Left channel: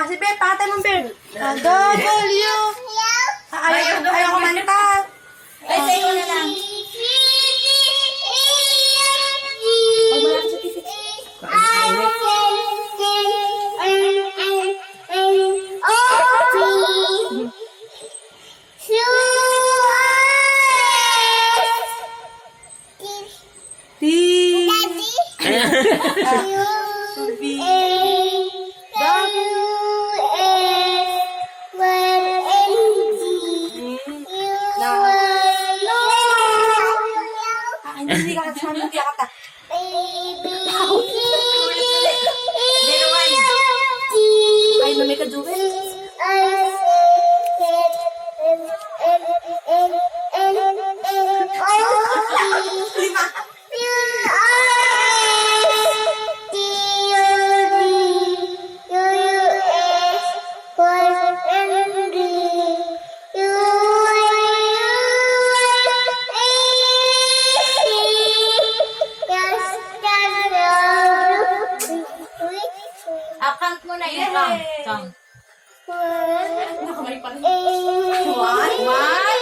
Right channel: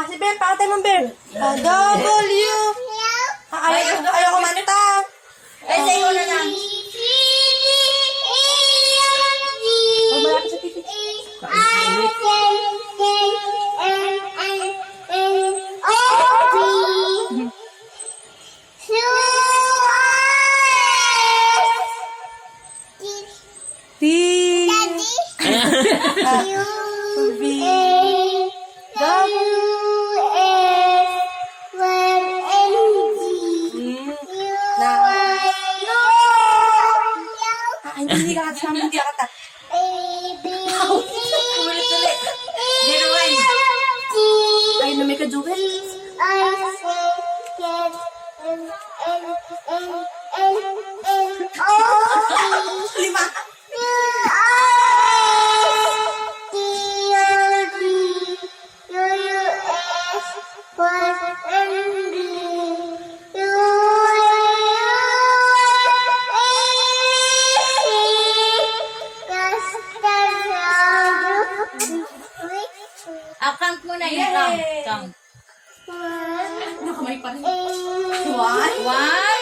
Si Ben, pakatay mo, Ben. W. Ayaw kumanta. Kasi ko na lang. Malapit sa TV. T. Hindi ka sa amin, hindi ka ta. Ulit. Zero one. Ay, lumay ka, Juve. Lima. Count mo na yung count. Nakamay pa rin. One.